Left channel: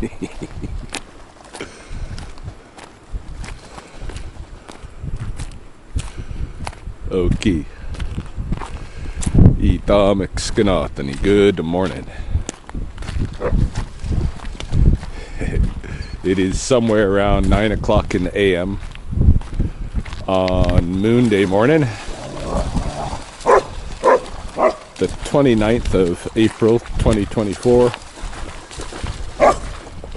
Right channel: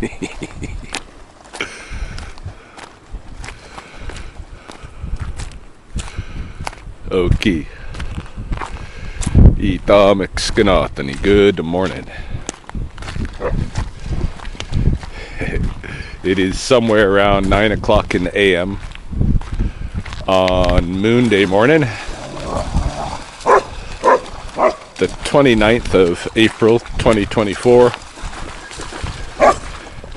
Okay. Good morning. It is somewhere around 9 o'clock in the AM on Moon Day morning, the 29th of April 2024,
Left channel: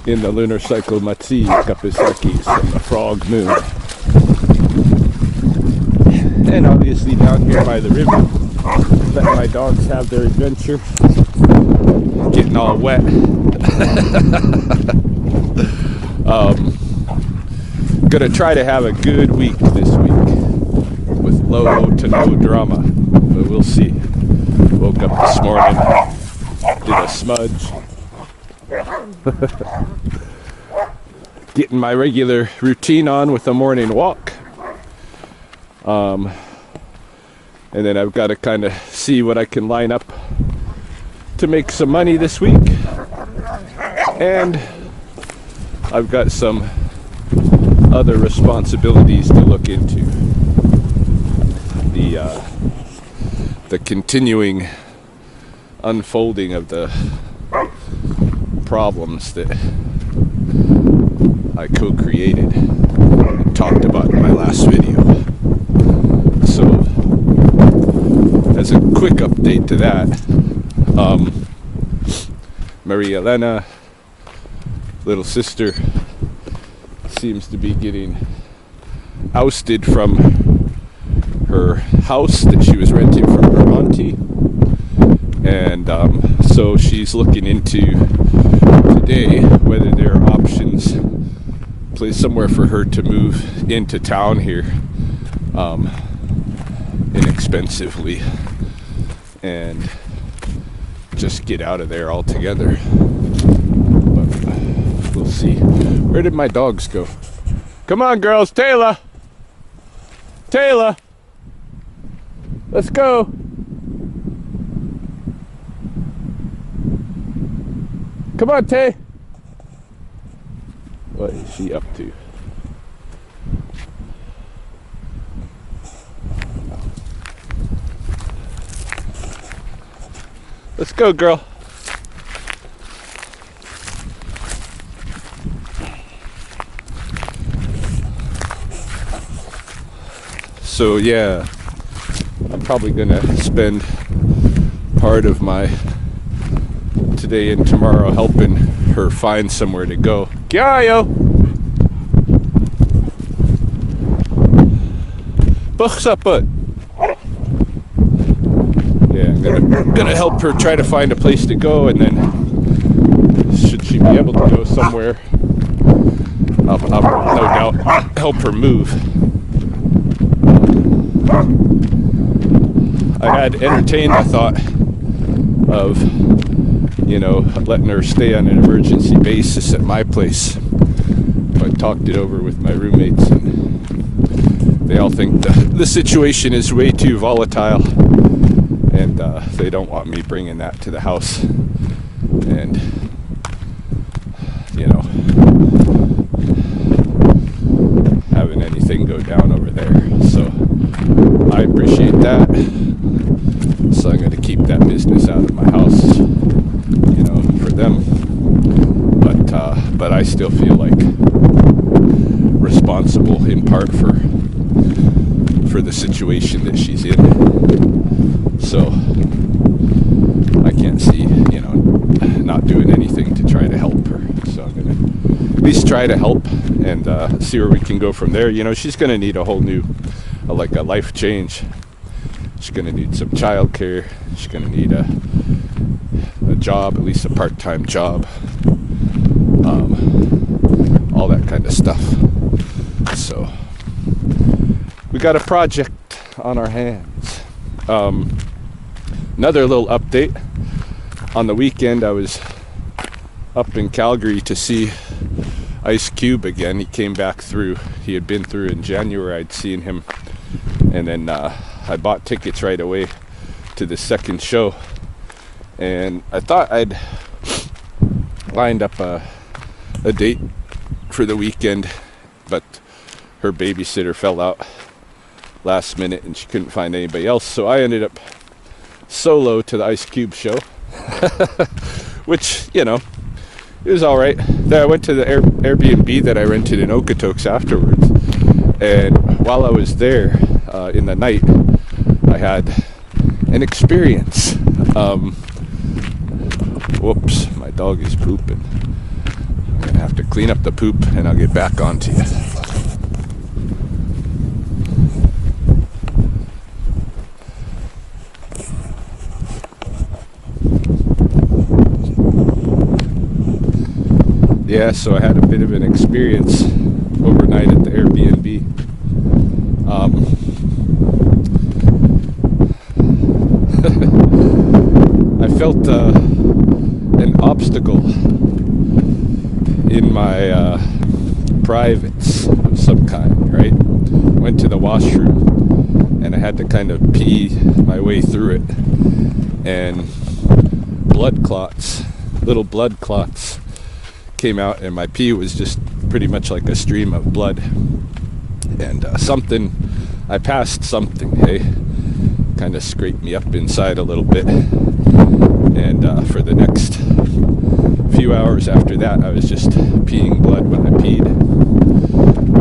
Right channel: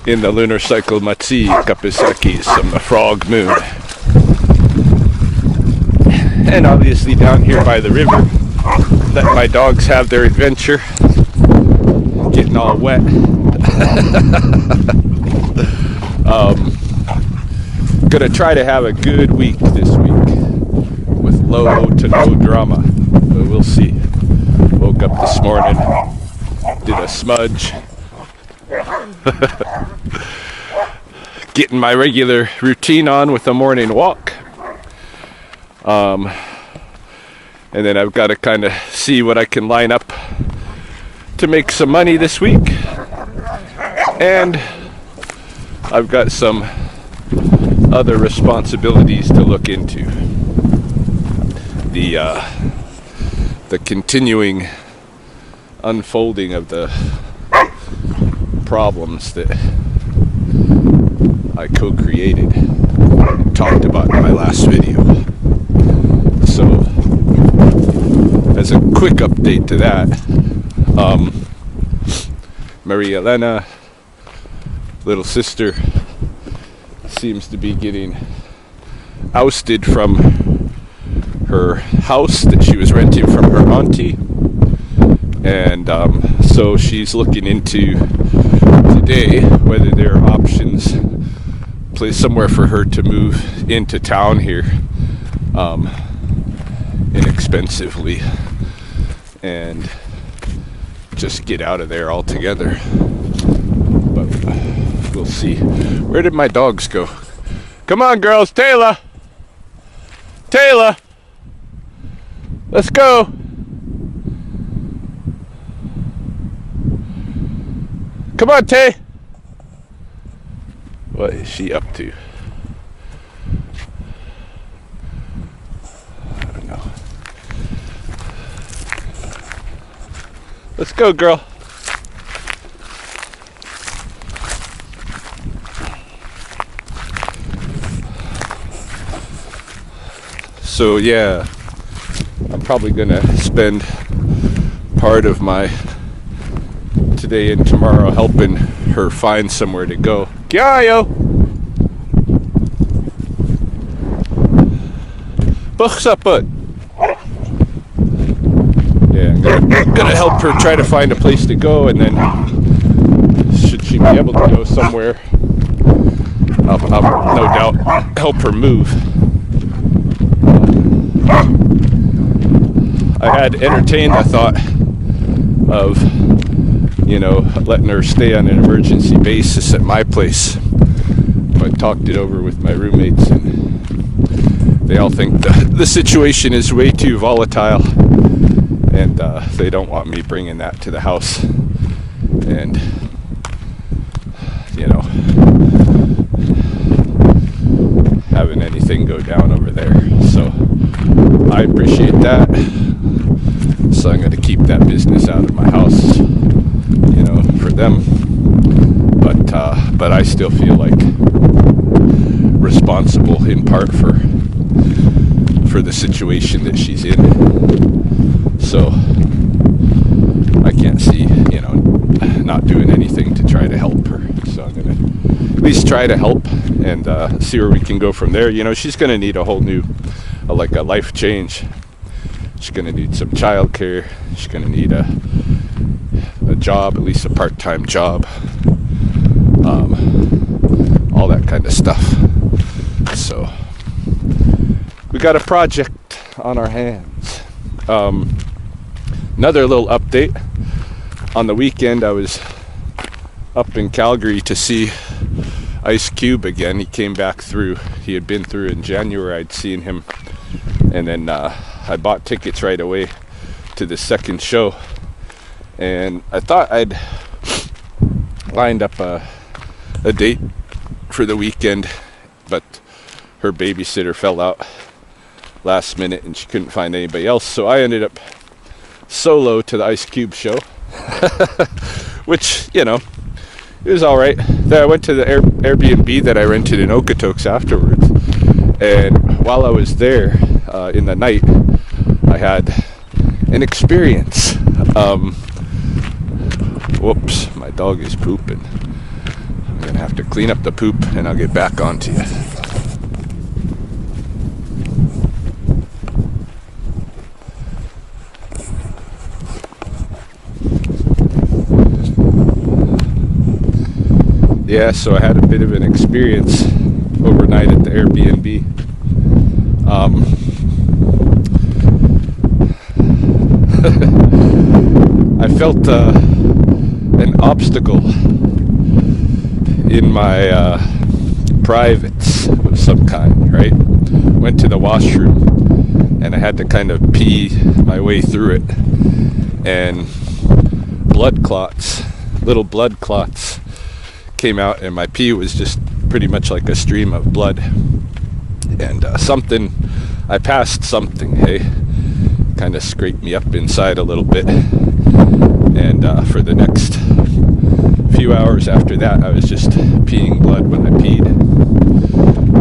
in the lunar cycle Matsi Kapisakis on the frog moon. And obviously down here by the river, letting my dogs have their adventure, getting all wet. Gonna try to have a good week this week with low to no drama, but we'll see. Woke up this morning, did a smudge, getting my regular routine on with a morning walk. And then I've got to kind of see what I can line up to make some money this week. And I've got some other responsibilities to look into. The continuing unfolding of the problems that I co-created and talked about in my last video. So, as a quick update to that, Maria Elena, little sister, seems to be getting ousted from her house that she was renting from her auntie, and so she's looking into today whether there are options, place somewhere for her to move into town here inexpensively and just get out of there altogether. But we'll see. Where did my dogs go? Come on, girls. Taylor, let's go. Come on, Tay. What is she up to? I don't know. Let's go, girl. So yeah, I'm probably gonna spend part of my today and tomorrow helping her find somewhere to go. Kyayo! Buksaput! Yeah, I'm gonna help her try to find a place to go, and then should she be able to go somewhere, I'll no doubt help her move. I had entertained the thought of, letting her stay on an emergency basis at my place. But I talked it over with my roommates, and they all think the situation is way too volatile, and they don't want me bringing that to the house and, having anything go down over there. So I appreciate that. So I'm going to keep that business out of my house, for them. But I still feel like responsible in part for the situation that she's in. So I can't see, not doing anything to try to help her. So I'm going to at least try to help and see where we can go from there. She's going to need a whole new, a life change. She's going to need some childcare. She's going to need a job, at least a part-time job. All that kind of stuff. So we got a project on our hands. Another little update. On the weekend, I was up in Calgary to see Ice Cube again. He came back through. He had been through in January. I'd seen him. And then I bought tickets right away to the second show. And I thought I'd lined up a a date for the weekend, but her babysitter fell out last minute and she couldn't find anybody else, so I ended up solo to the Ice Cube show. Which, you know, it was alright. Then I went to the Airbnb that I rented in Okotoks afterwards, and while I was there in the night, I had an experience. Whoops, my dog is pooping. I'm gonna have to clean up the poop and I'll get back onto you. Yeah, so I had a bit of an experience overnight at the Airbnb. I felt an obstacle in my privates of some kind, right? Went to the washroom and I had to kind of pee my way through it, and little blood clots came out, and my pee was just pretty much like a stream of blood. And I passed something, hey, kind of scraped me up inside a little bit. And for the next few hours after that, I was just peeing blood when I peed.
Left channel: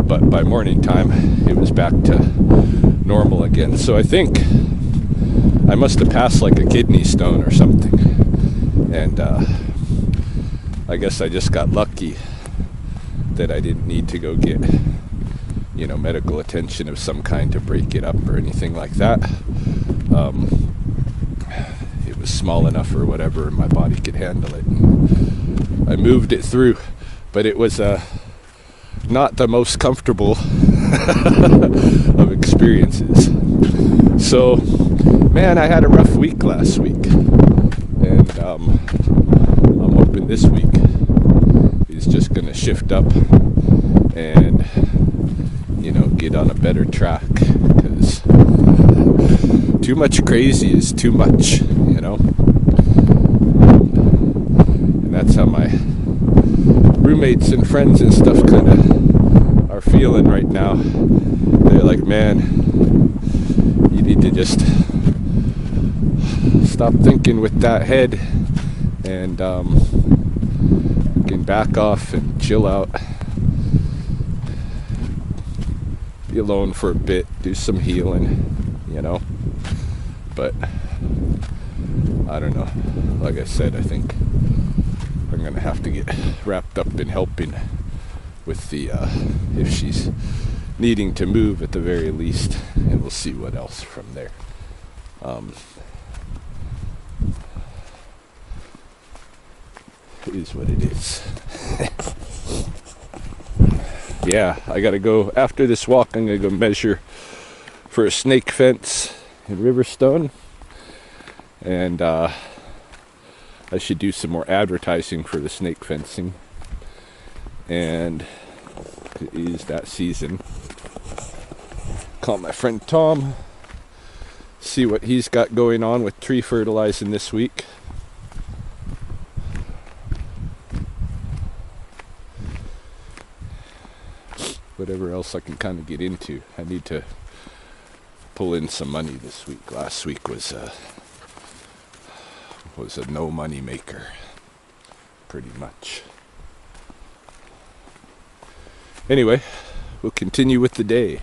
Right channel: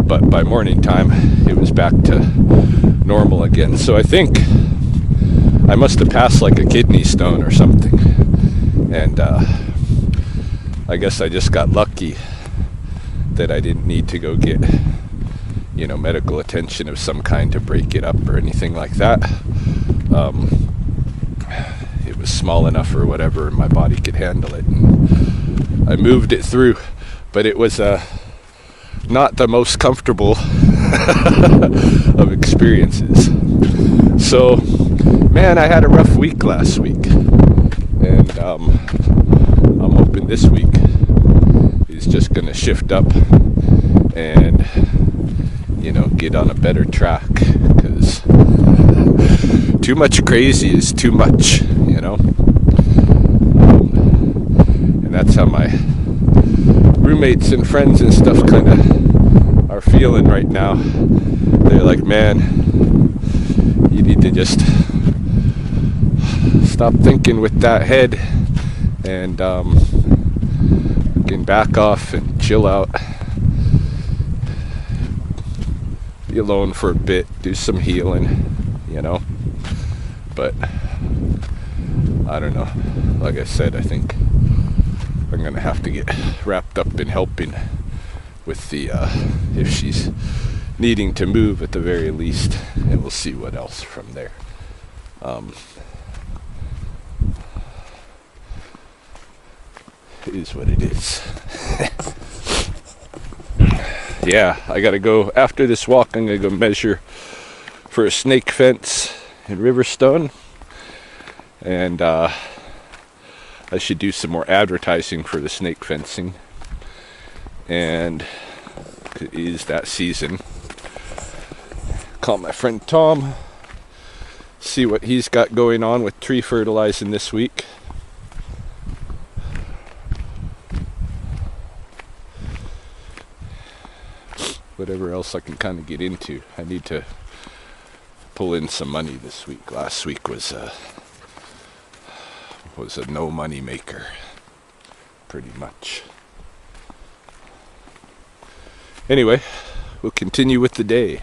But by morning time, it was back to normal again. So I think I must have passed like a kidney stone or something. And I guess I just got lucky that I didn't need to go get, medical attention of some kind to break it up or anything like that. It was small enough or whatever, and my body could handle it, and I moved it through. But it was not the most comfortable of experiences. So, man, I had a rough week last week, and I'm hoping this week is just going to shift up and, get on a better track, because too much crazy is too much, and that's how my roommates and friends and stuff kind of are feeling right now. They're like, man, you need to just stop thinking with that head and can back off and chill out, be alone for a bit, do some healing, but I don't know. Like I said, I think I'm gonna have to get wrapped up in helping with the if she's needing to move at the very least, and we'll see what else from there. It is what it is. Yeah, I gotta go after this walk. I'm gonna go measure for a snake fence in Riverstone, and I should do some more advertising for the snake fencing, and it is that season. Call my friend Tom, see what he's got going on with tree fertilizing this week. Whatever else I can kind of get into. I need to pull in some money this week. Last week was a no money maker, pretty much. Anyway, we'll continue with the day.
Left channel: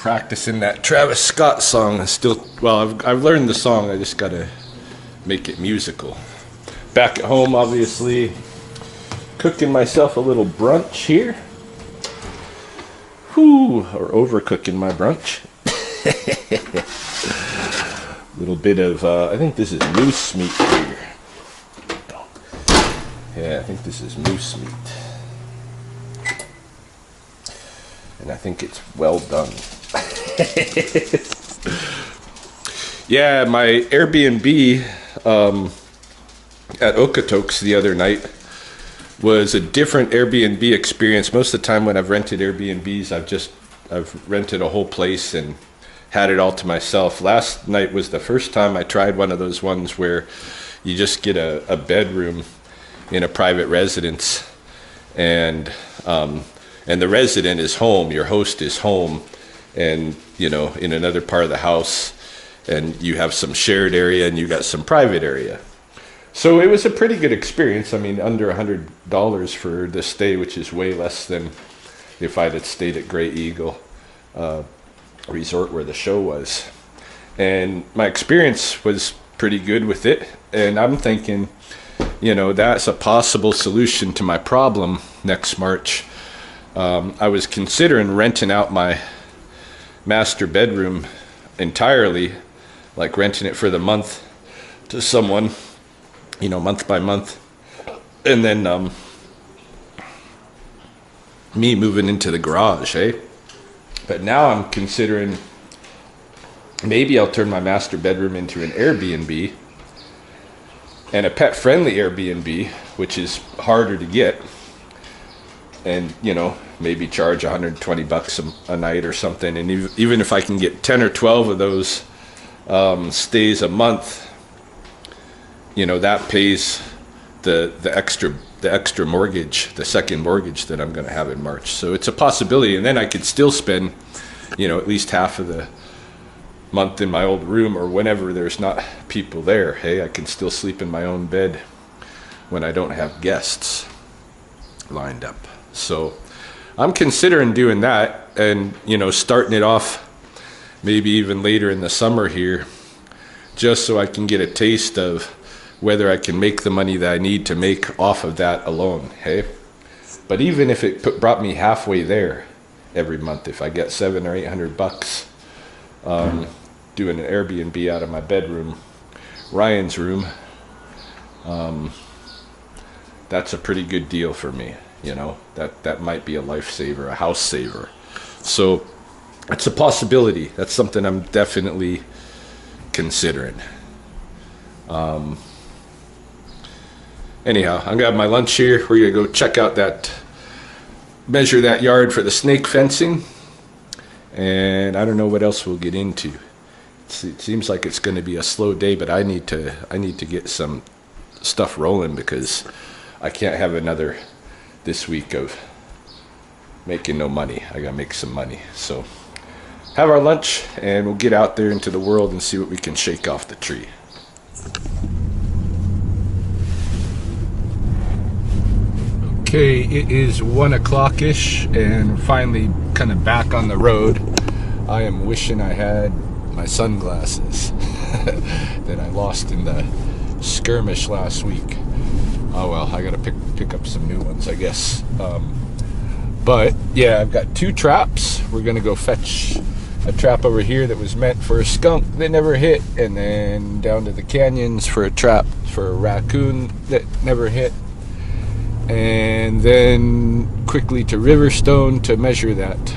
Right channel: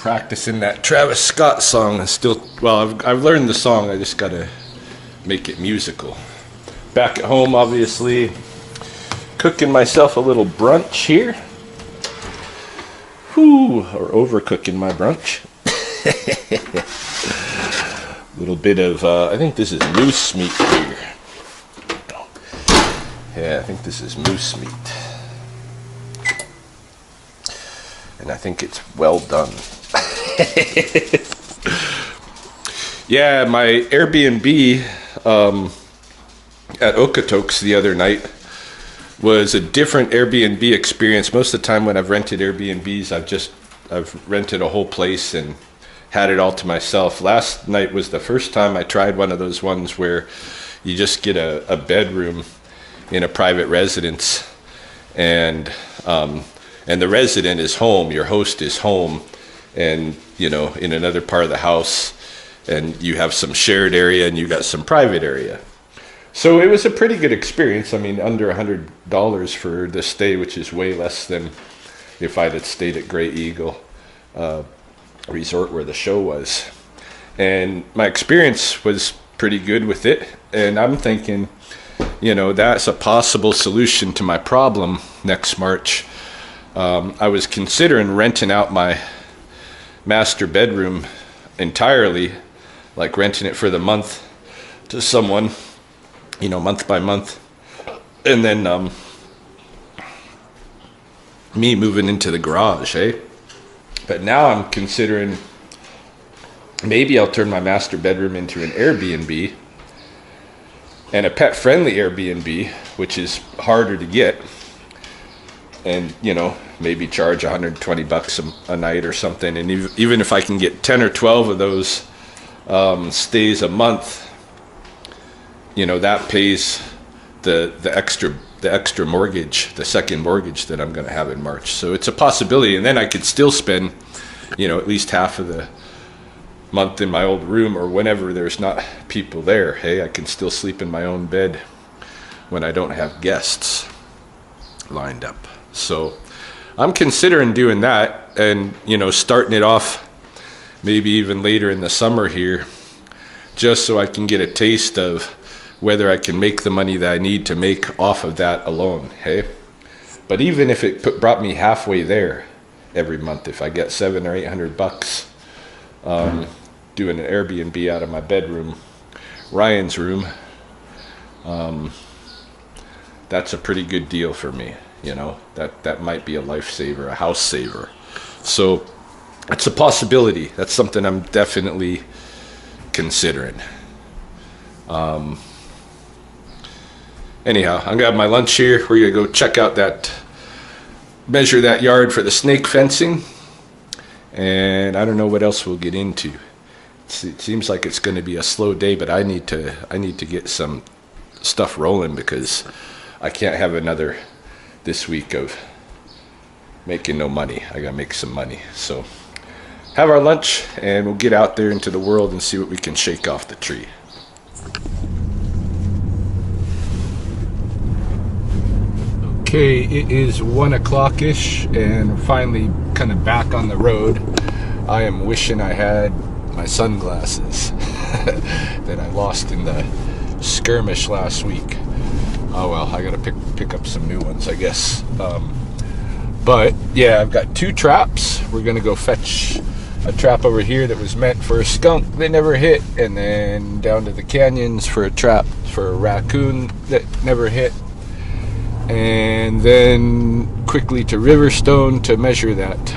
practicing that Travis Scott song. I've learned the song. I just gotta make it musical. Back at home, obviously, cooking myself a little brunch here. Or overcooking my brunch. A little bit of, I think this is moose meat here. Yeah, I think this is moose meat. And I think it's well done. Yeah, my Airbnb at Okotoks the other night was a different Airbnb experience. Most of the time when I've rented Airbnbs, I've rented a whole place and had it all to myself. Last night was the first time I tried one of those ones where you just get a bedroom in a private residence, and the resident is home, your host is home, and in another part of the house, and you have some shared area and you got some private area. So it was a pretty good experience. I mean, under $100 for the stay, which is way less than if I'd had stayed at Grey Eagle Resort where the show was. And my experience was pretty good with it. And I'm thinking, that's a possible solution to my problem next March. I was considering renting out my master bedroom entirely, like renting it for the month to someone, month by month, and then me moving into the garage, But now I'm considering maybe I'll turn my master bedroom into an Airbnb, and a pet-friendly Airbnb, which is harder to get, and maybe charge $120 a night or something. And even if I can get 10 or 12 of those stays a month, that pays the extra mortgage, the second mortgage that I'm going to have in March. So it's a possibility. And then I could still spend, at least half of the month in my old room, or whenever there's not people there. I can still sleep in my own bed when I don't have guests lined up. So I'm considering doing that, and starting it off maybe even later in the summer here, just so I can get a taste of whether I can make the money that I need to make off of that alone. But even if it brought me halfway there every month, if I get $700 or $800 doing an Airbnb out of my bedroom, Ryan's room, that's a pretty good deal for me. That might be a lifesaver, a house saver. So it's a possibility. That's something I'm definitely considering. Anyhow, I'm gonna have my lunch here. We're gonna go measure that yard for the snake fencing, and I don't know what else we'll get into. It seems like it's going to be a slow day, but I need to get some stuff rolling, because I can't have another this week of making no money. I gotta make some money. So have our lunch, and we'll get out there into the world and see what we can shake off the tree. Okay, it is 1 o'clock-ish, and finally kind of back on the road. I am wishing I had my sunglasses that I lost in the skirmish last week. Oh well, I gotta pick up some new ones, I guess. But yeah, I've got 2 traps. We're gonna go fetch a trap over here that was meant for a skunk that never hit, and then down to the canyons for a trap for a raccoon that never hit, and then quickly to Riverstone to measure that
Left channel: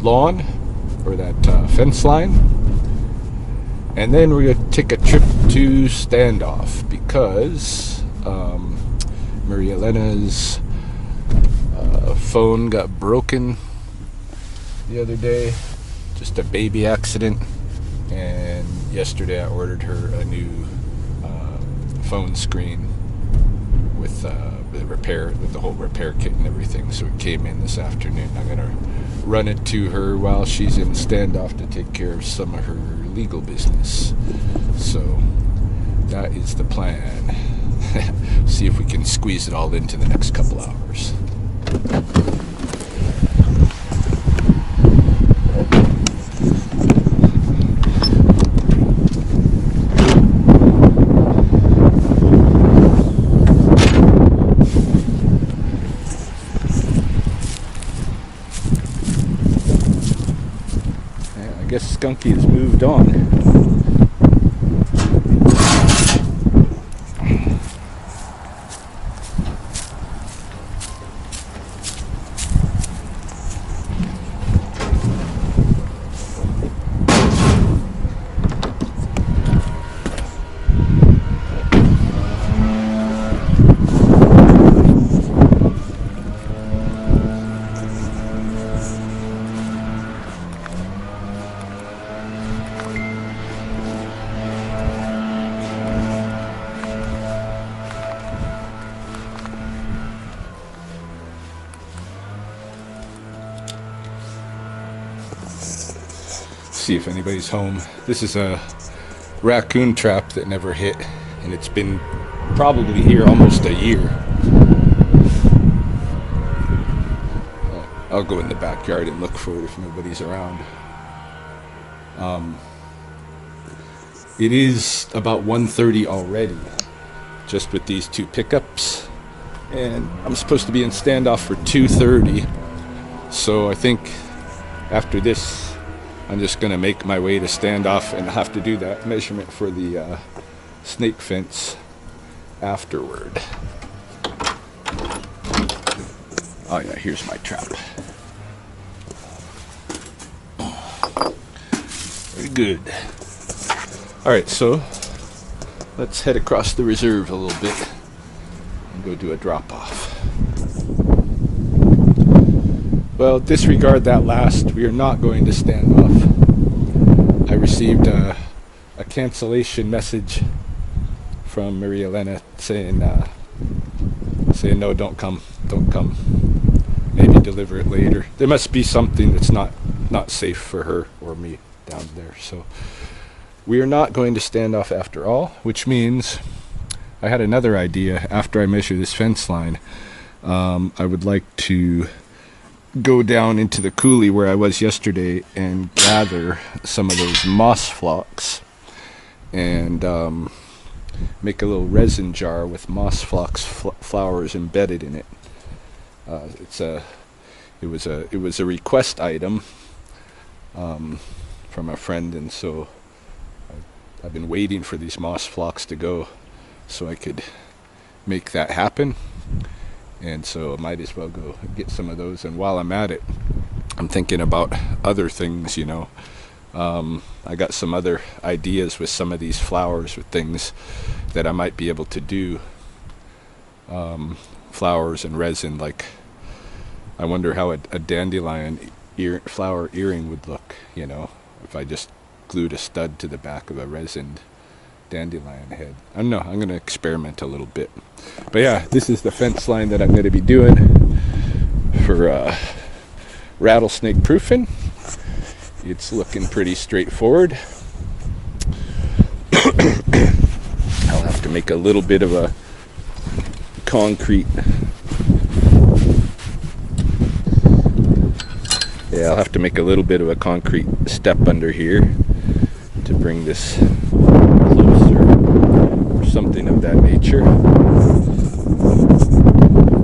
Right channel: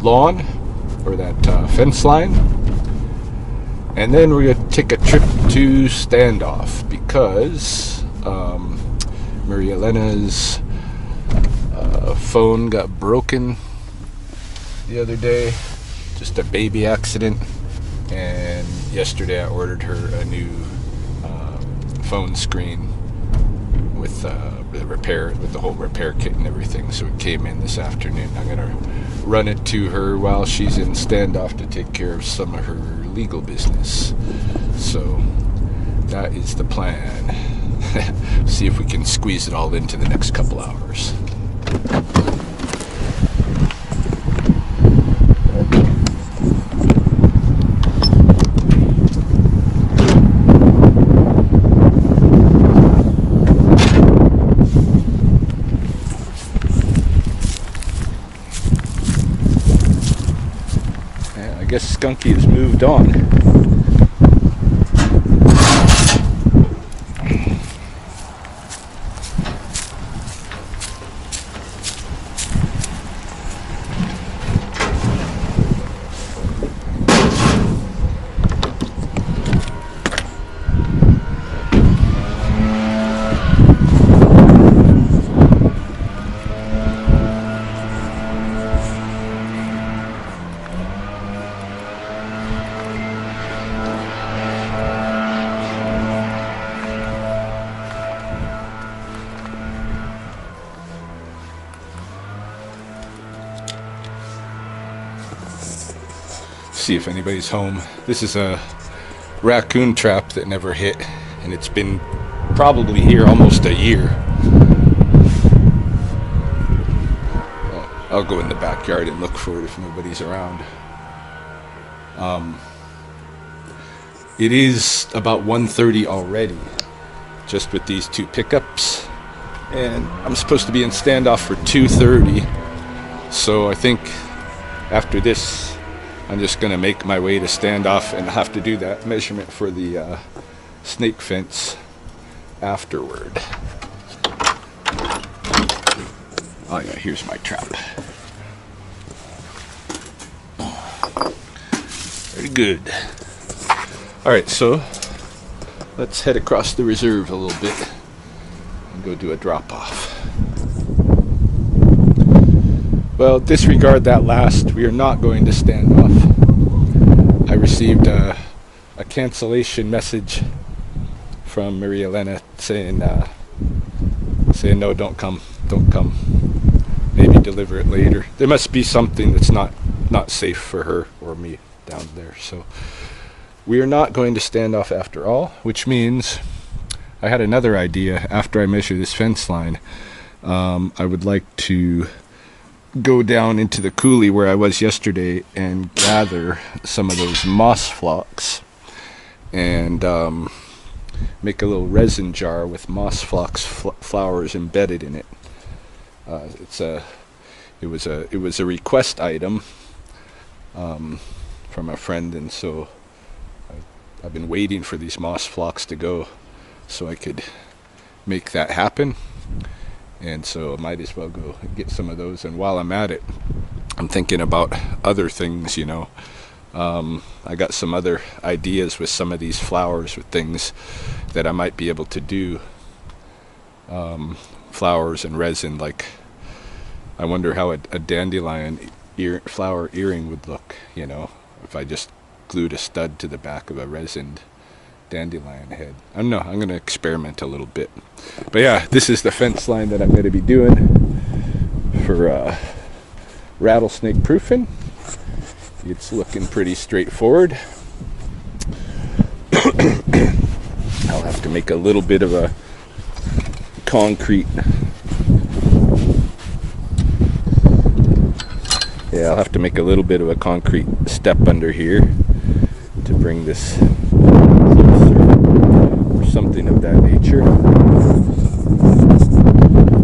lawn, or that fence line. And then we're going to take a trip to Standoff, because Maria Elena's phone got broken the other day. Just a baby accident. And yesterday I ordered her a new phone screen with the whole repair kit and everything. So it came in this afternoon. I'm going to run it to her while she's in Standoff to take care of some of her legal business. So that is the plan. See if we can squeeze it all into the next couple hours. guess Skunky has moved on. See if anybody's home. This is a raccoon trap that never hit, and it's been probably here almost a year. I'll go in the backyard and look for it if nobody's around. It is about 1:30 already, just with these two pickups, and I'm supposed to be in standoff for 2:30. So I think after this, I'm just going to make my way to standoff and have to do that measurement for the snake fence afterward. Oh yeah, here's my trap. Very good. Alright, so let's head across the reserve a little bit and go do a drop-off. Well, disregard that last. We are not going to stand off. I received a cancellation message from Maria Elena saying no, don't come. Maybe deliver it later. There must be something that's not safe for her or me down there. So we are not going to stand off after all, which means I had another idea. After I measure this fence line, I would like to go down into the coulee where I was yesterday and gather some of those moss phlox and make a little resin jar with moss phlox flowers embedded in it. It was a request item from a friend, and so I've been waiting for these moss phlox to go so I could make that happen. And so I might as well go get some of those. And while I'm at it, I'm thinking about other things, you know. I got some other ideas with some of these flowers, with things that I might be able to do. Flowers and resin, like I wonder how a dandelion flower earring would look, you know, if I just glued a stud to the back of a resined dandelion head. I don't know, I'm going to experiment a little bit. But yeah, this is the fence line that I'm going to be doing for rattlesnake proofing. It's looking pretty straightforward. I'll have to make a little bit of a concrete, I'll have to make a little bit of a concrete step under here to bring this closer, or something of that nature.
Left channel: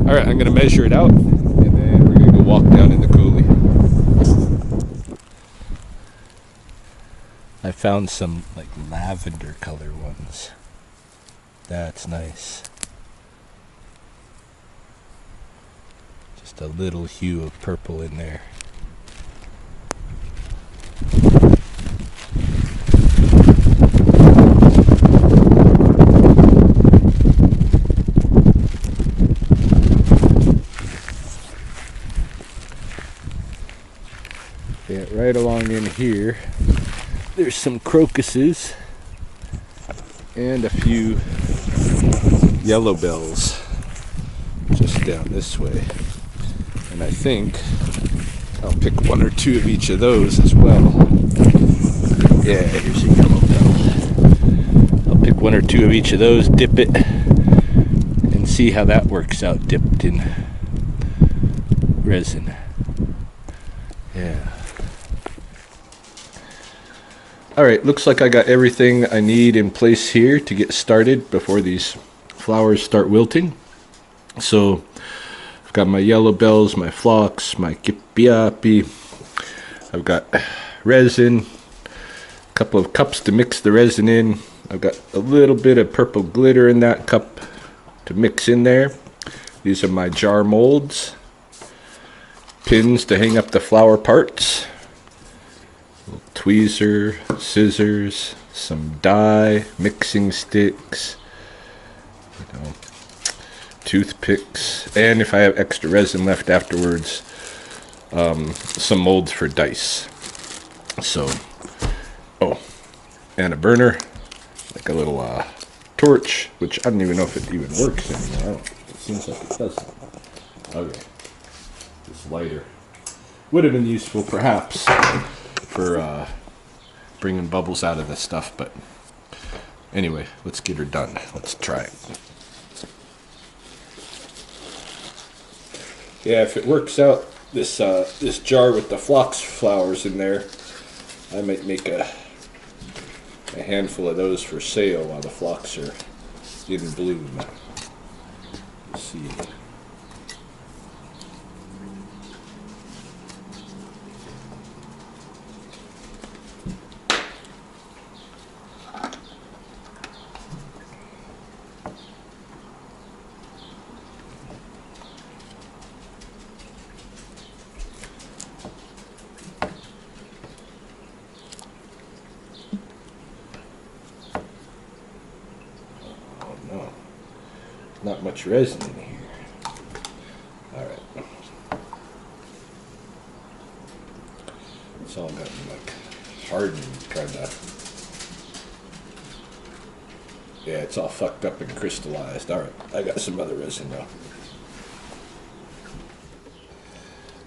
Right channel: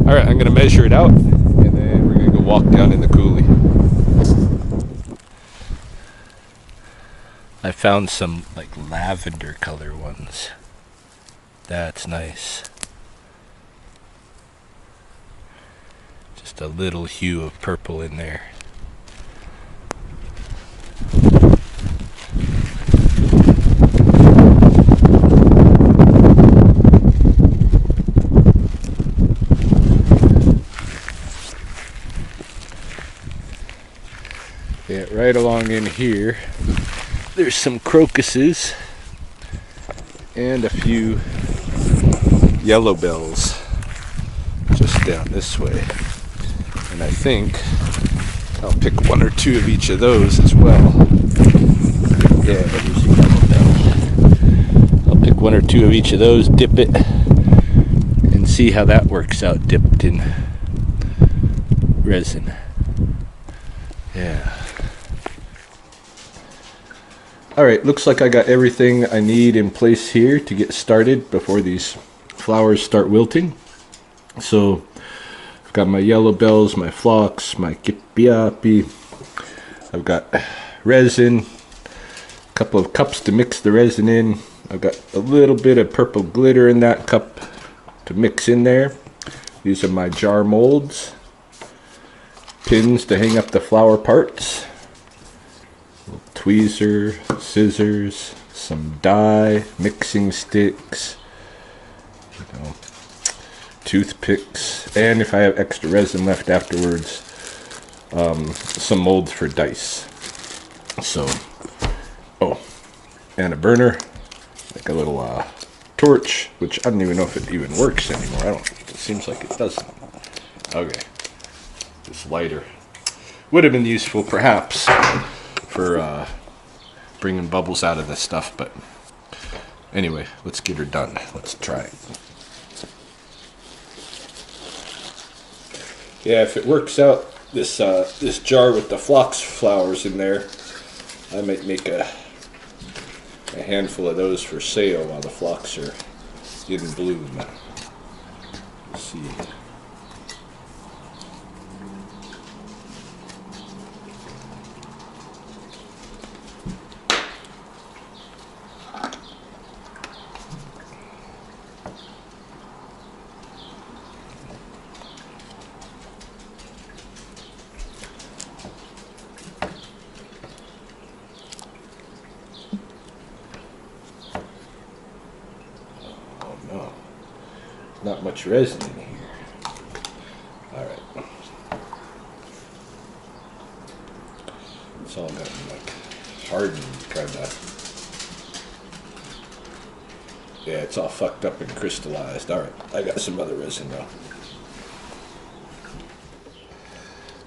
Alright, I'm going to measure it out, and then we're going to go walk down in the coulee. I found some like lavender color ones. That's nice. Just a little hue of purple in there. Yeah, right along in here, there's some crocuses and a few yellow bells just down this way. And I think I'll pick one or two of each of those as well. Yeah, here's a yellow bell. I'll pick one or two of each of those, dip it, and see how that works out dipped in resin. Yeah. Alright, looks like I got everything I need in place here to get started before these flowers start wilting. So, I've got my yellow bells, my phlox, my kipiapi. I've got resin, couple of cups to mix the resin in. I've got a little bit of purple glitter in that cup to mix in there. These are my jar molds. Pins to hang up the flower parts. Little tweezer, scissors, some dye, mixing sticks, toothpicks, and if I have extra resin left afterwards, some molds for dice. So, and a burner, like a little torch, which I don't even know if it even works anymore. It seems like it doesn't. Okay, this lighter would have been useful perhaps for bringing bubbles out of this stuff, but anyway, let's get her done. Let's try it. Yeah, if it works out, this jar with the phlox flowers in there, I might make a handful of those for sale while the phlox are in bloom. Let's see. No, not much resin in here. Alright. It's all gotten like hardened, kind of. Yeah, it's all fucked up and crystallized. Alright, I got some other resin though.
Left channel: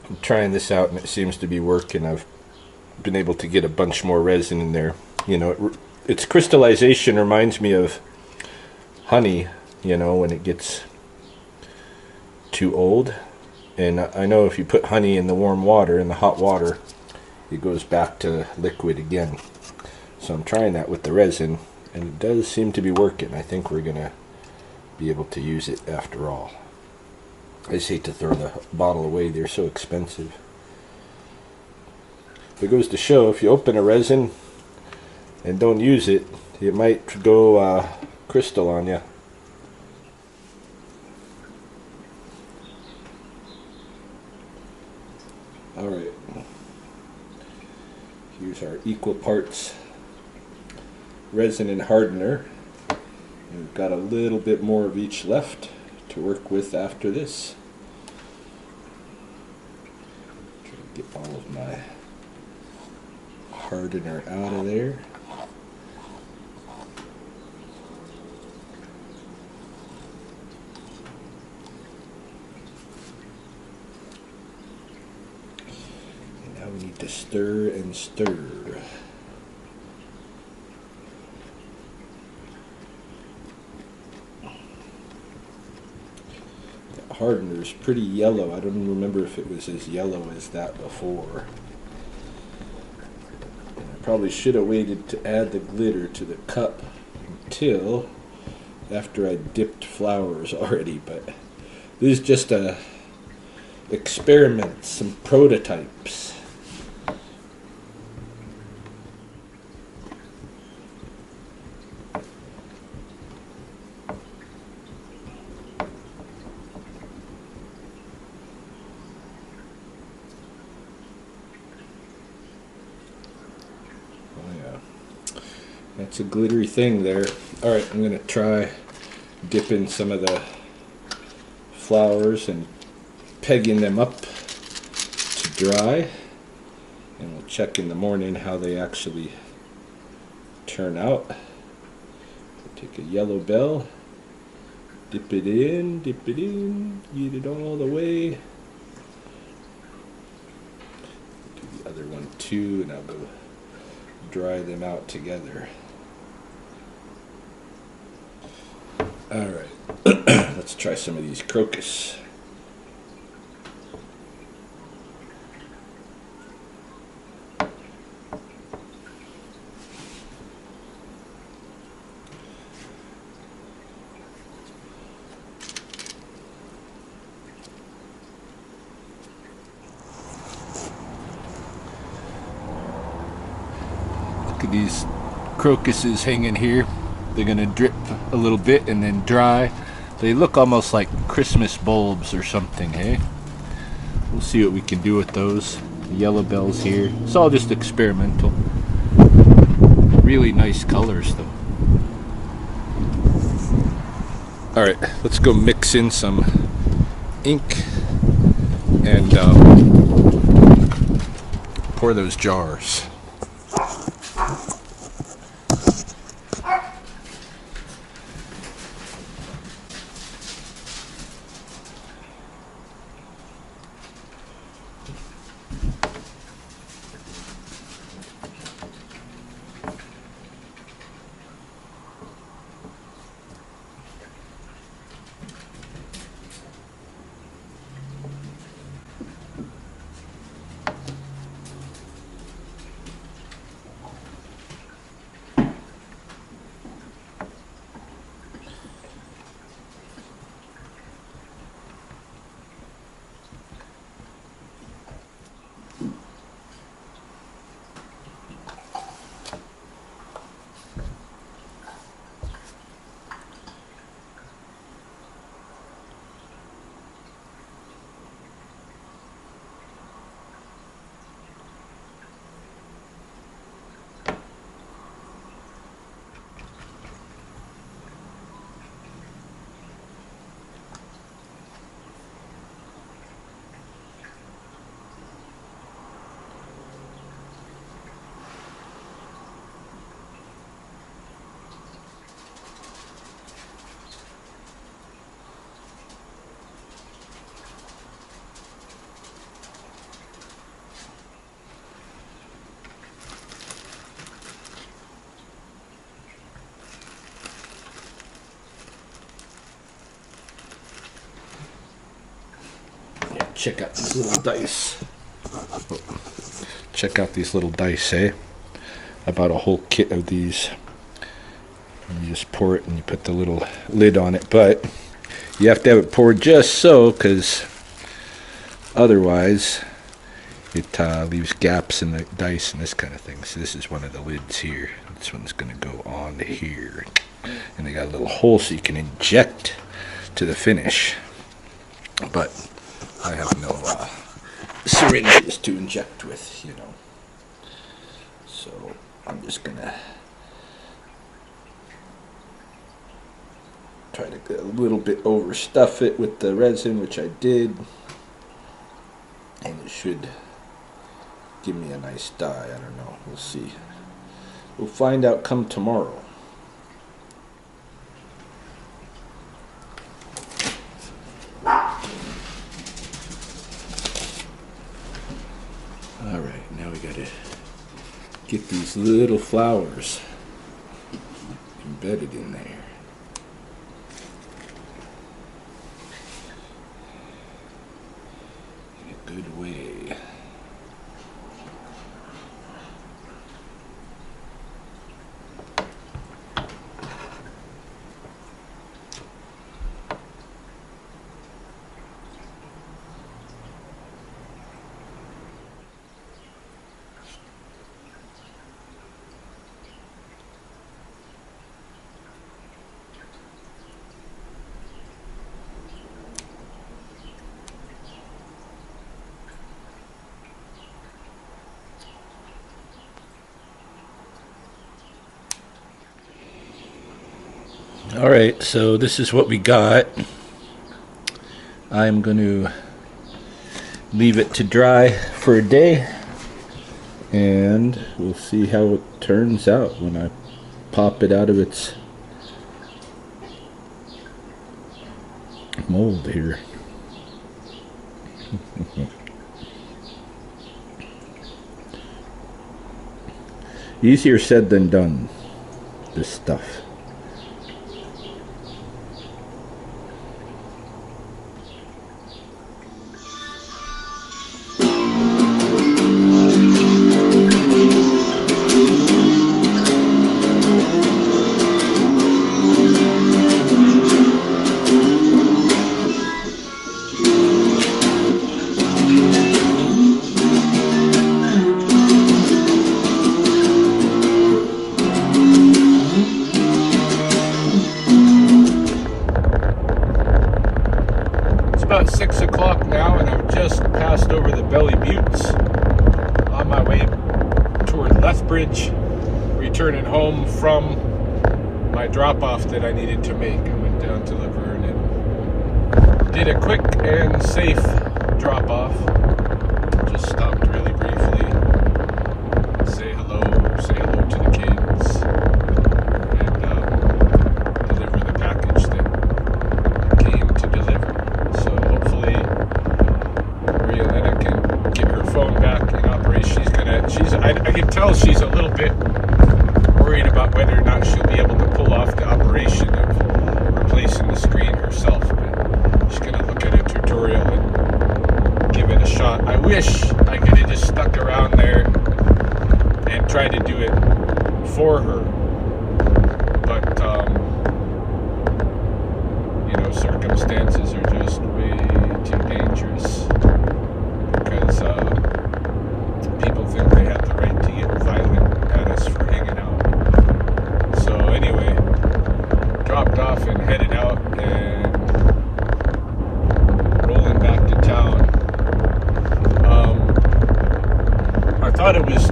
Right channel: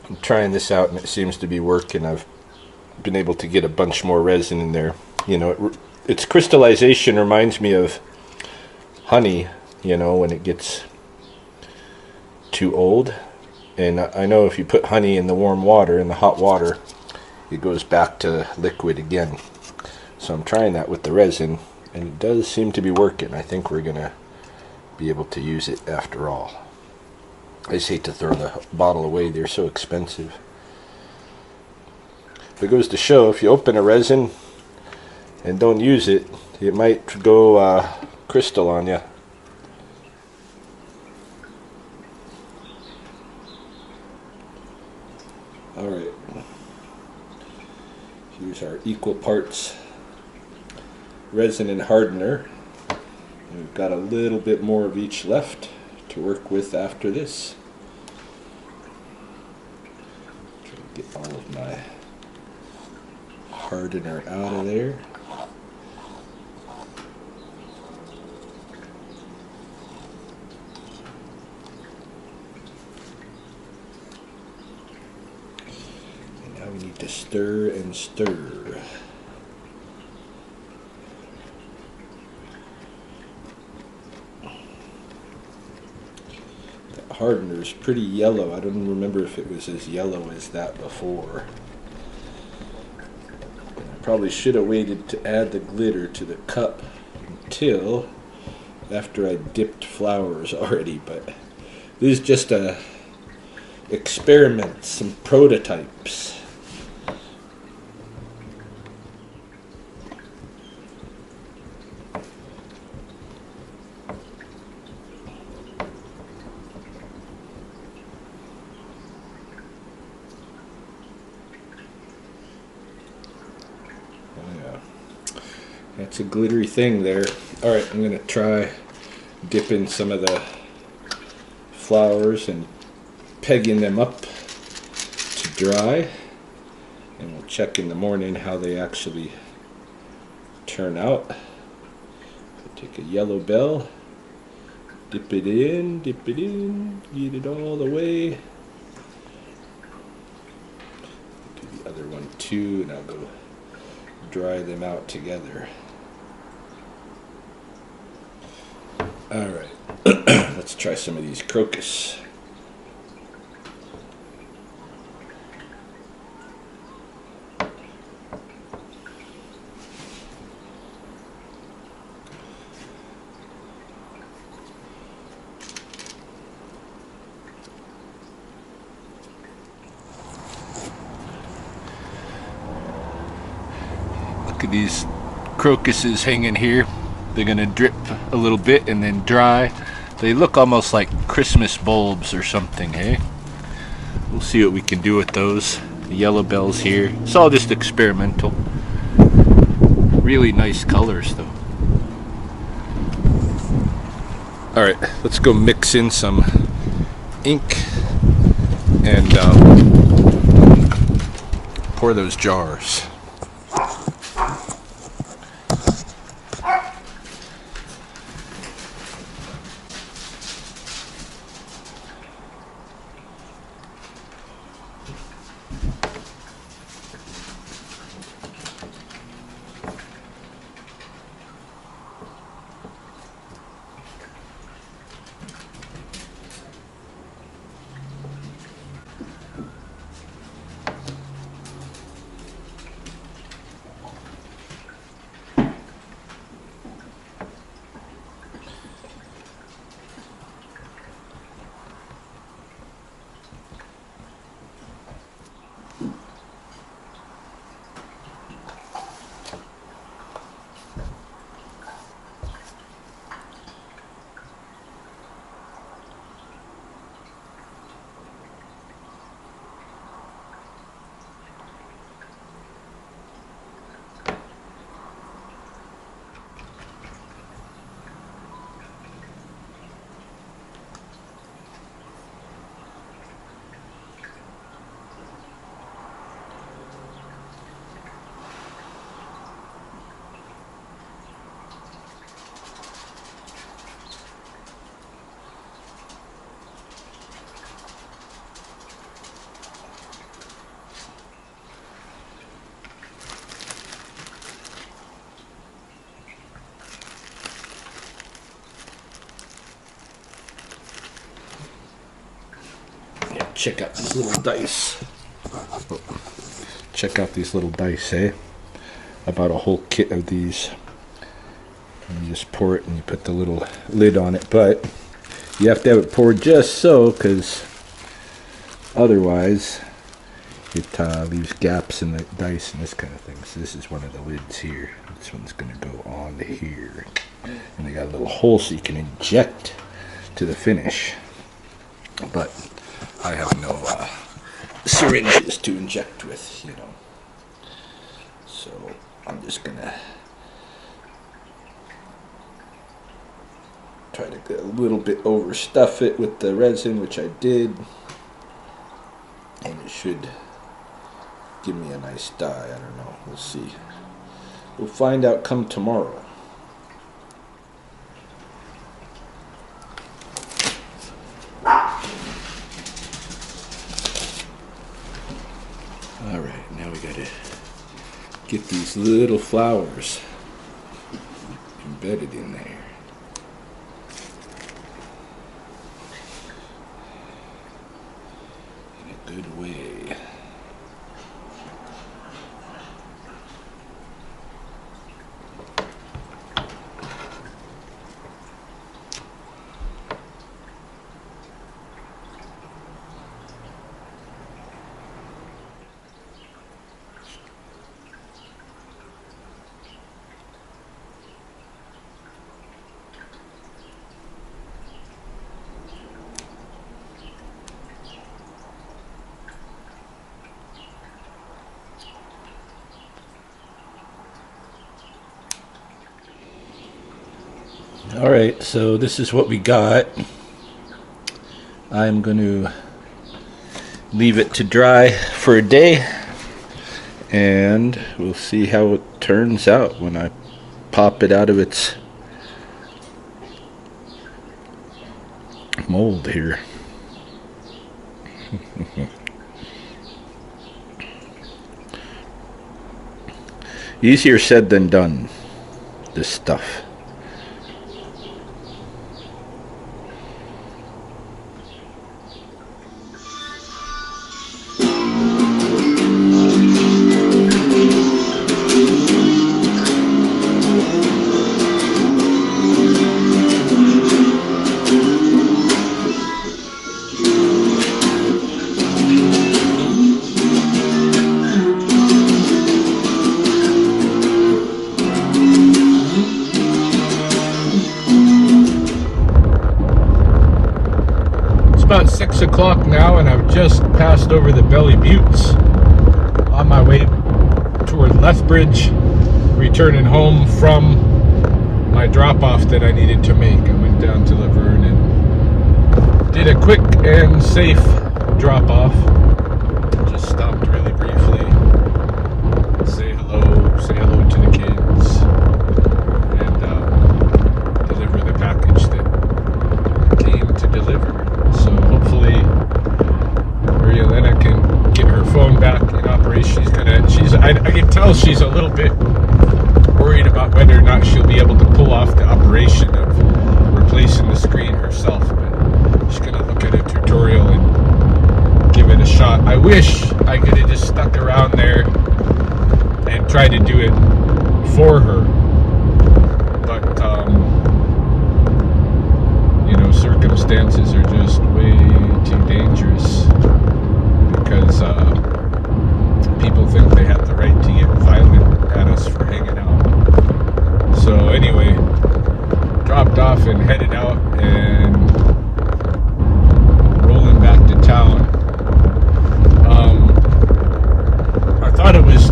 I'm trying this out and it seems to be working. I've been able to get a bunch more resin in there. You know, its crystallization reminds me of honey, you know, when it gets too old. And I know if you put honey in the warm water, in the hot water, it goes back to liquid again. So I'm trying that with the resin, and it does seem to be working. I think we're gonna be able to use it after all. I just hate to throw the bottle away. They're so expensive. But it goes to show, if you open a resin and don't use it, it might go crystal on you. Alright, here's our equal parts resin and hardener. And we've got a little bit more of each left to work with after this. Try to get all of my hardener out of there. We need to stir and stir. The hardener is pretty yellow. I don't remember if it was as yellow as that before. And I probably should have waited to add the glitter to the cup until after I dipped flowers already, but this is just a experiment, some prototypes. That's a glittery thing there. Alright, I'm going to try dipping some of the flowers and pegging them up to dry. And we'll check in the morning how they actually turn out. Take a yellow bell, dip it in, get it all the way. Do the other one too, and I'll go dry them out together. Alright, let's try some of these crocus. Look at these crocuses hanging here. They're gonna drip a little bit and then dry. They look almost like Christmas bulbs or something, hey? We'll see what we can do with those. The yellow bells here. It's all just experimental. Really nice colors though. Alright, let's go mix in some ink and pour those jars. Check out these little dice. Oh, check out these little dice, eh? I bought a whole kit of these. And you just pour it and you put the little lid on it. But you have to have it poured just so, because otherwise it leaves gaps in the dice and this kind of thing. So this is one of the lids here. This one's going to go on here. And they got a little hole so you can inject to the finish. But I have no syringes to inject with, you know. So I'm just gonna try to get a little bit overstuff it with the resin, which I did. And it should give me a nice dye. I don't know. We'll see. We'll find out come tomorrow. Alright, now we gotta get these little flowers embedded in there. In a good way. Alright, so this is what we got. I'm going to leave it to dry for a day, and we'll see how it turns out when I pop it out of its mold here. Easier said than done, this stuff. Belly Buttes on my way toward Lethbridge, returning home from my drop-off that I needed to make. I went down to Laverne and did a quick and safe drop-off. Just stopped really briefly, say hello to the kids, and deliver the package that came to deliver. So hopefully Rielena can get her phone back in operation. I can tell she's a little bit worried about whether or not she'll be able to pull off the operation of replacing the screen herself. But she's gonna look at a tutorial and give it a shot. I wish I could have just stuck around there and tried to do it for her, but circumstances are just way too dangerous, because people think they have the right to get violent at us for hanging out. So anyway, dropped off and headed out and rolling back to town. I thought it was,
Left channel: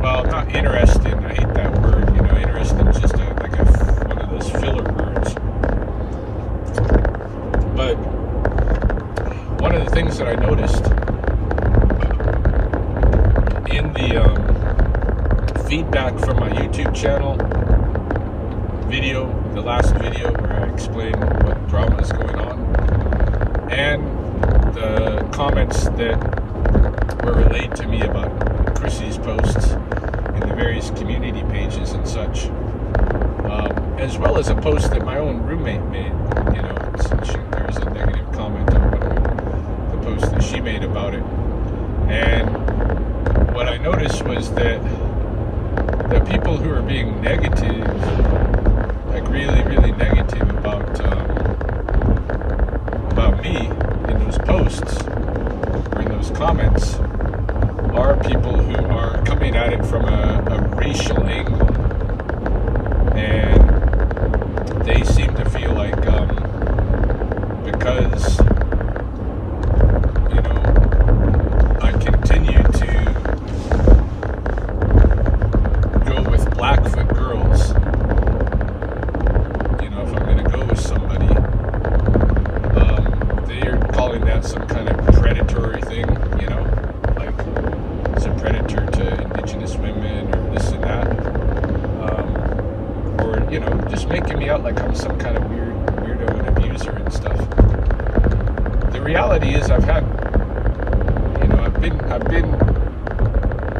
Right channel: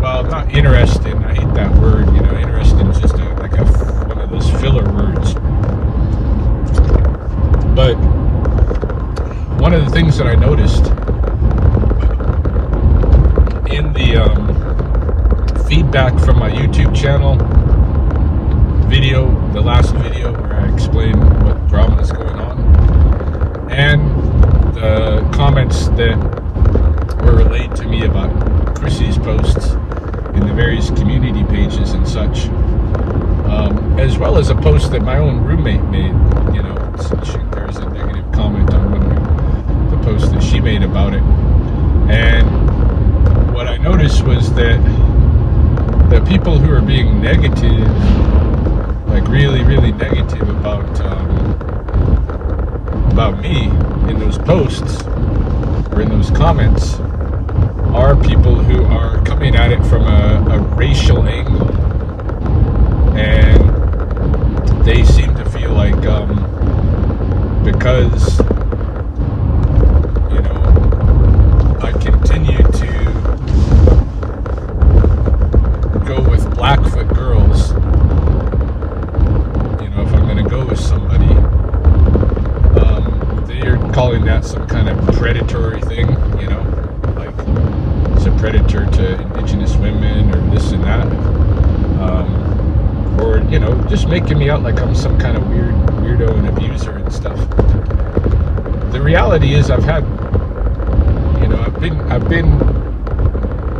well, not interesting. I hate that word. Interesting is just one of those filler words. But one of the things that I noticed in the feedback from my YouTube channel video, the last video where I explained what drama is going on, and the comments that were relayed to me about Chrissy's posts in the various community pages and such, as well as a post that my own roommate made. There was a negative comment on one of the posts that she made about it, and what I noticed was that the people who are being negative, like really negative about me in those posts or in those comments, are people who are coming at it from a racial angle, and they seem to feel like because I continue to go with Blackfoot girls, if I'm going to go with somebody, they are calling that some kind of predatory thing, like it's a predator to indigenous women or this and that, or just making me out like I'm some kind of weirdo and abuser and stuff. The reality is I've been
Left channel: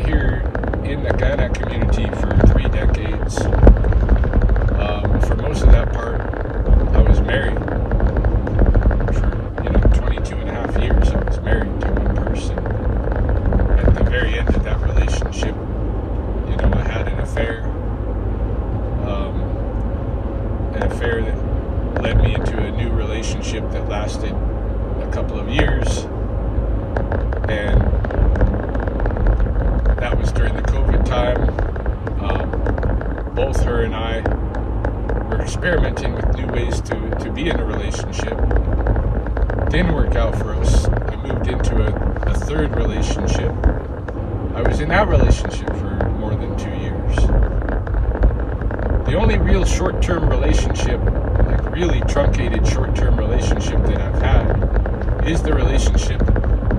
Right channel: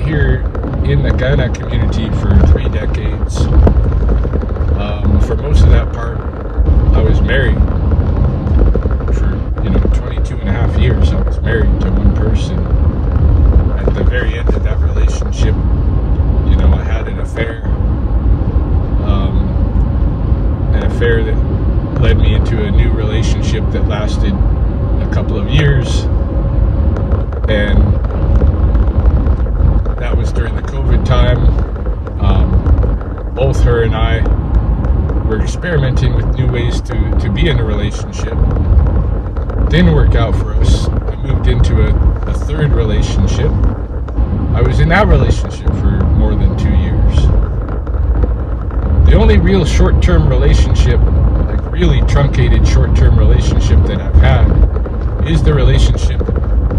here in the Ghana community for 3 decades. For most of that part, I was married for 22 and a half years. I was married to one person. At the very end of that relationship, I had an affair. An affair that led me into a new relationship that lasted a couple of years, and that was during the COVID time. Both her and I were experimenting with new ways to be in a relationship. Didn't work out for us. I moved into a third relationship. I was in that relationship for more than 2 years. The only real short-term relationship, like really truncated short-term relationship that I've had, is the relationship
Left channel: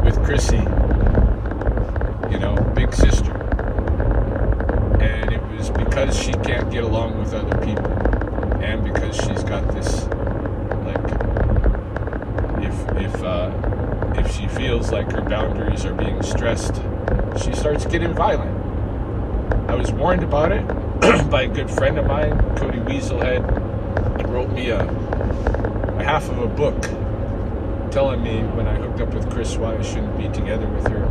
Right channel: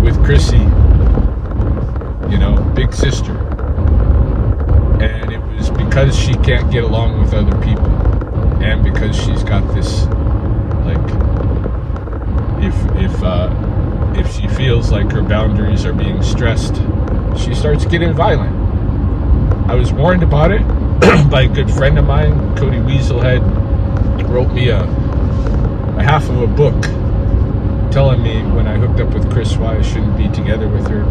with Chrissy, big sister. And it was because she can't get along with other people, and because she's got this, like, if she feels like her boundaries are being stressed, she starts getting violent. I was warned about it by a good friend of mine, Cody Weaselhead. Wrote me a half of a book telling me when I hooked up with Chris why I shouldn't be together with her.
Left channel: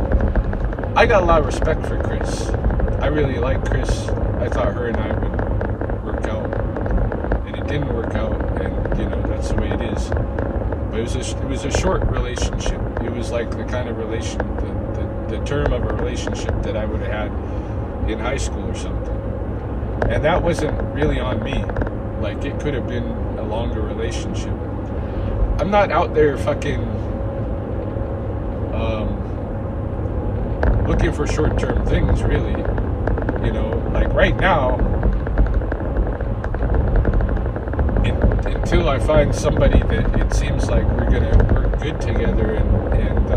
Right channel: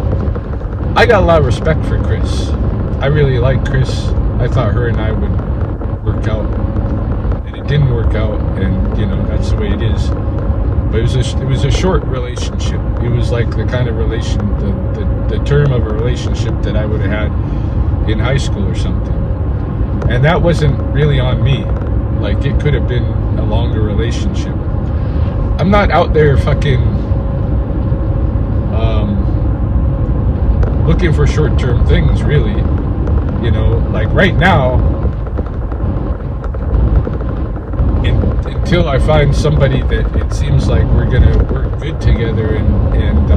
I got a lot of respect for Chris. I really like Chris. I thought her and I would work out, and it didn't work out, and that's the way it is. But it was a short relationship. It was like the kind of the term of a relationship that I would have had in high school or something. And that wasn't really on me. Like, it could have been a longer relationship. I'm not out there fucking looking for short-term things, really. You know, like right now, until I find somebody that it seems like we're gonna work good together, and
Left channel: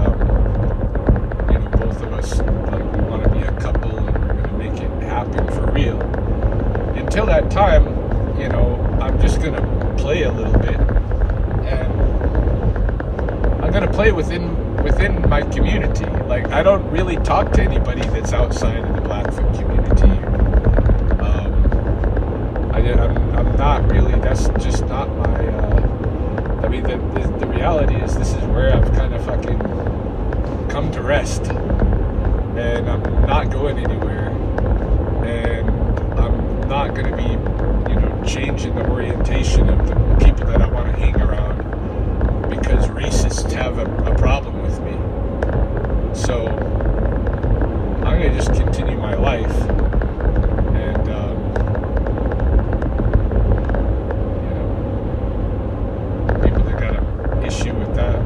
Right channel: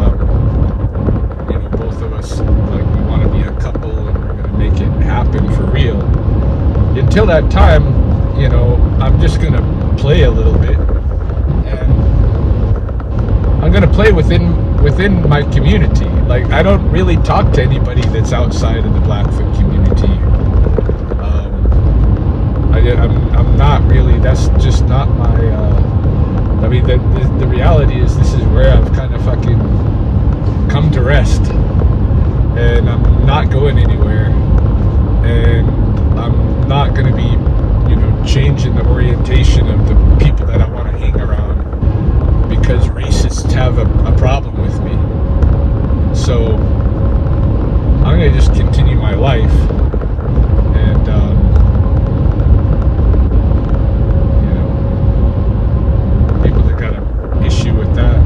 you know, both of us, like, we want to be a couple and we're gonna make it happen for real. Until that time, you know, I'm just gonna play a little bit, and I'm gonna play within my community. Like, I don't really talk to anybody that's outside of the Blackfoot community. I'm not really. That's just not my. I mean, the reality is, this is where I've kind of fucking come to rest, and I'm not going anywhere, and I'm not going to be, you know, changing the orientation of the people that I want to hang around because racists have a problem with me. So I'm going to just continue my life, and you know, people that got an issue with that.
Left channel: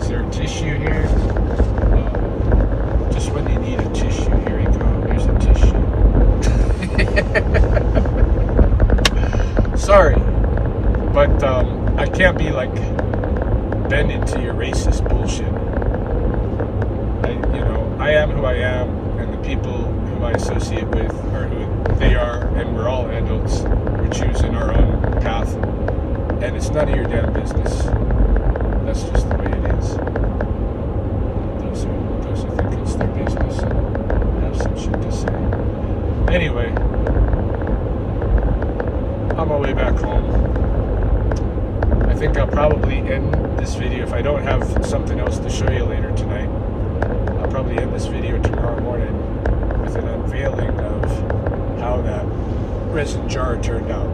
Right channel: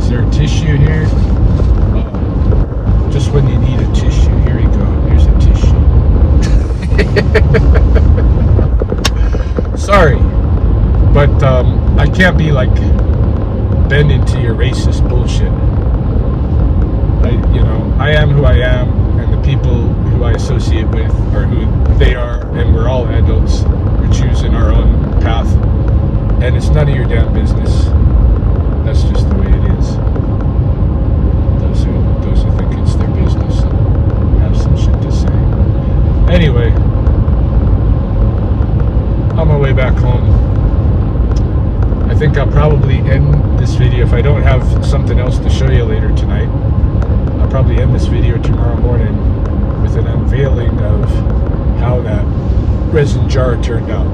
Is there a tissue here? Just when you need a tissue, here we go. Here's a tissue. Sorry, but I can't be like bending to your racist bullshit. I am who I am, and the people who I associate with are who they are, and we're all adults. We're choosing our own path, and it's none of your damn business. That's just the way it is. Those who think it's their business have some shit to say. Anyway, on my way back home, I think I'll probably end this video. If I don't have something else to show you later tonight, I'll probably end this video tomorrow morning with an unveiling of how that resin jar turned out.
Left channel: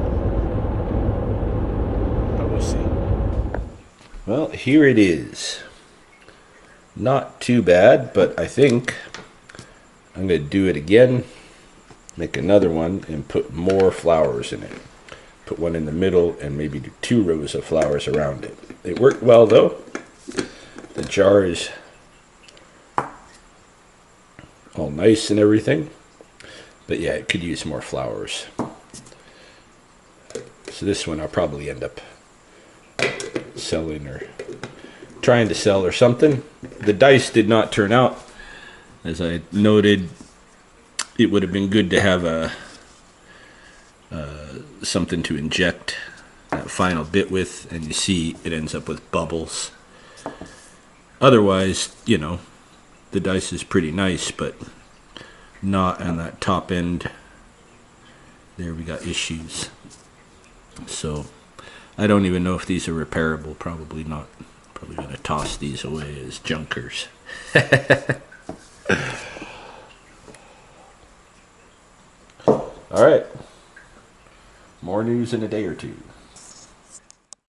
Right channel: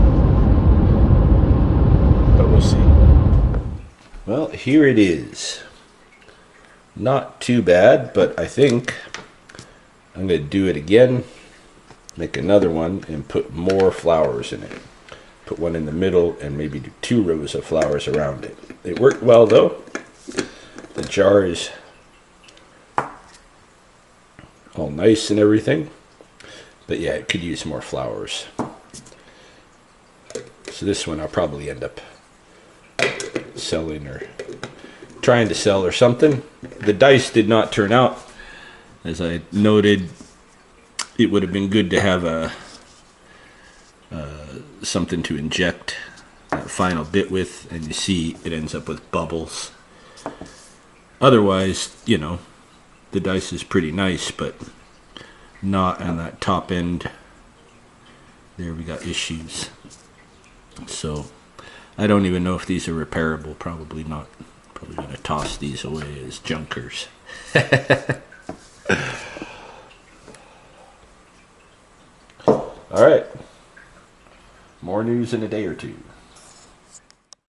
But we'll see. Well, here it is. Not too bad, but I think I'm going to do it again, make another one, and put more flowers in it. Put one in the middle and maybe do 2 rows of flowers around it. It worked well though. The jar is all nice and everything. But yeah, it could use more flowers. So this one I'll probably end up selling or trying to sell or something. The dice did not turn out. As I noted, it would have been good to have a something to inject that final bit with, and you see it ends up with bubbles. Otherwise, you know, the dice is pretty nice, but not on that top end. There we got issues. So I don't even know if these are repairable. Probably not. Probably going to toss these away as junkers. All right. More news in a day or two.